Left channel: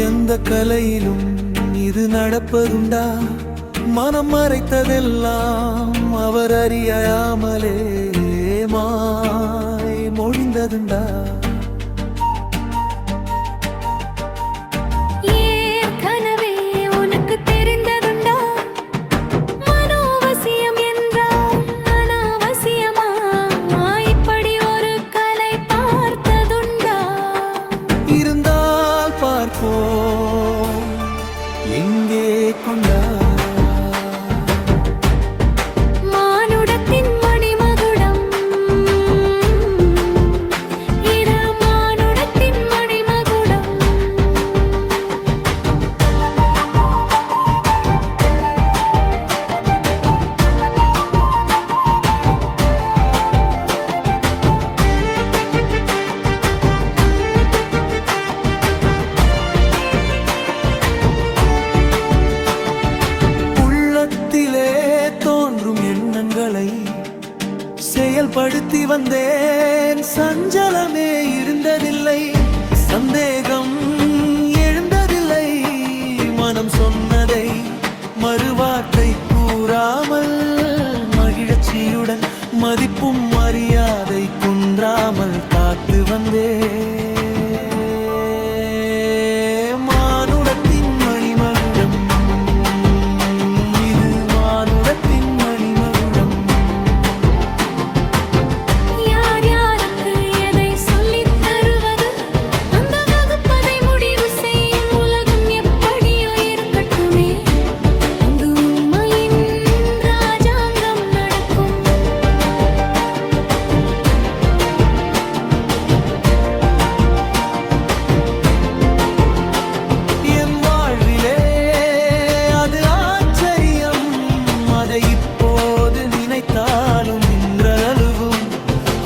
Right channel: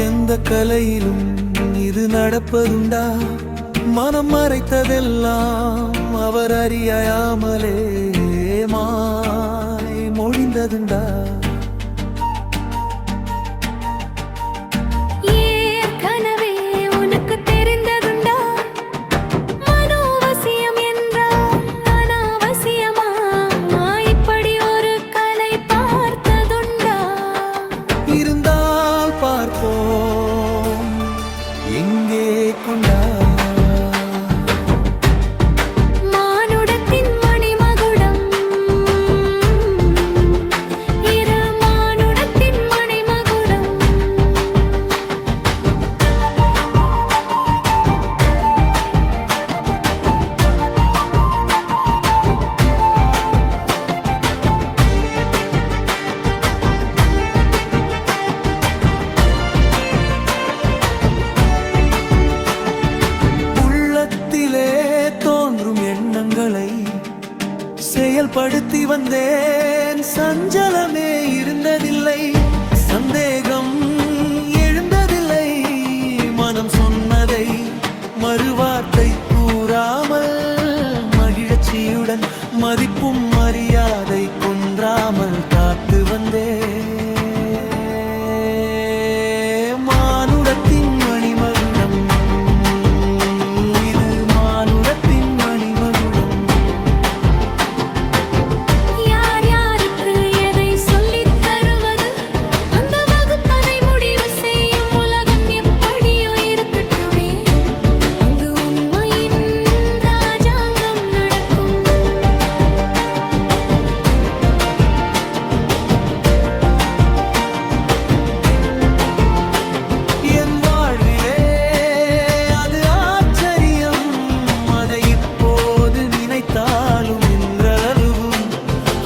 எந்த கலையிலும் இது நடப்பதுண்டா? மனம் மறைத்ததெல்லாம் அவர் அறியாமலே மாய் மொழிந்ததுண்டா? ஏற்கனவே உனக்கு தெரிந்ததுண்டா? மனோவசியம் என்றால் அனாவசியமா? இப்படி ஒரு கலை பார்த்ததுண்டா? இருந்தால் பார்ப்போம், எங்கே கொண்டா? உள்ளத்திலே தோன்றும் எண்ணங்களை செயல்படுத்தி வந்தேன். சஞ்சலமே இருந்ததில்லை, சந்தேகம் எழுந்ததில்லை. மனம் சொன்னதை மறுவார்த்தை கூறாமல், மகிழ்ச்சியுடன் மதிப்பும் மரியாதை குன்றாமல் காத்து வந்தேன். மானுடத்தின் மணிமகுடம், யார் யாருக்கு எதை சொல்லித் தருவது? அந்த வகுப்பதை முடிவு செய்யும் உலகம் எப்படியோ இருக்கட்டுமே. அங்கு உண்மையின் ராஜாங்கம் நடக்கும். என் வாழ்விலே அது ஆச்சரியம். அதை இப்போது நினைத்தாலும் இன்றளவும்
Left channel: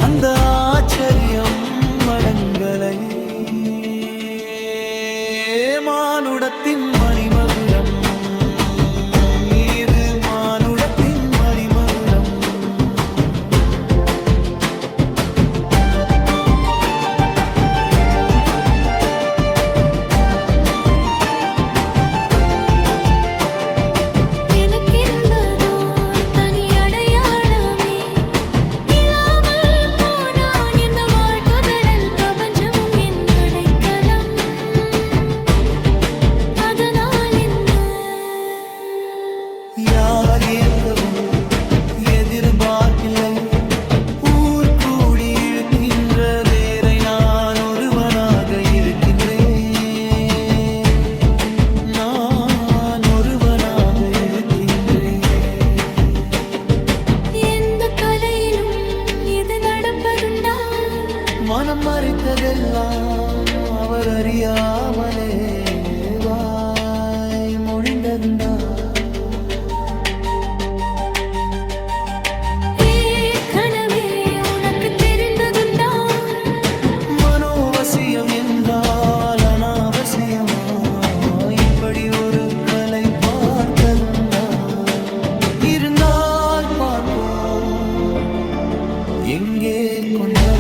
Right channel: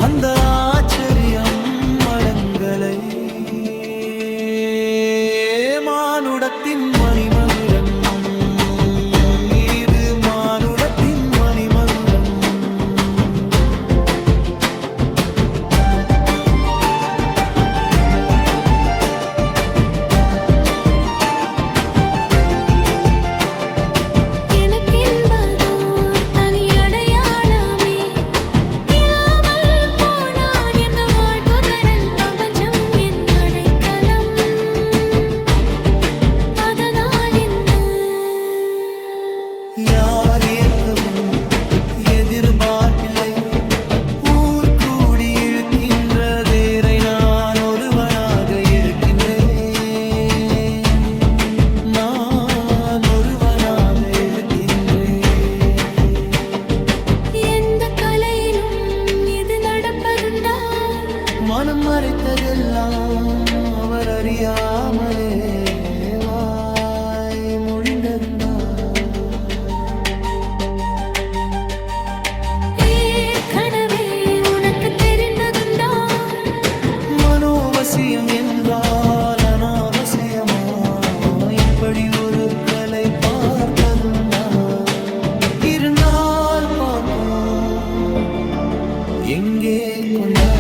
அந்த ஆச்சரியம் அடங்கலை. மானுடத்தின் மணிமகுடம், இது மானுடத்தின் மணிமகுடம். எனக்கென்பதோர் தனி அடையாளமே இல்லாமல் போனான். என் வாழ்வுதரல் பிரபஞ்சமும் என் அடைக்கலம். அதனால் என்ன? யார் ஏற்கவும் எதிர்பார்ப்பில்லை. ஊர் கூடி இழுக்கின்ற தேரை நான் ஒருவனாக இழுக்கின்றேன். நான் ஒருவனாக இழுக்கின்றேன். எந்த கலையிலும் இது நடப்பதுண்டா? மனம் மறைத்ததெல்லாம் அவர் அறியாமலே வாய் மொழிந்ததுண்டா? ஏற்கனவே உனக்கு தெரிந்ததுண்டா? மனோவசியம் என்றால் அனாவசியமா? இப்படி ஒரு கலை பார்த்ததுண்டா? இருந்தால் பார்ப்போம், எங்கே கொண்டா?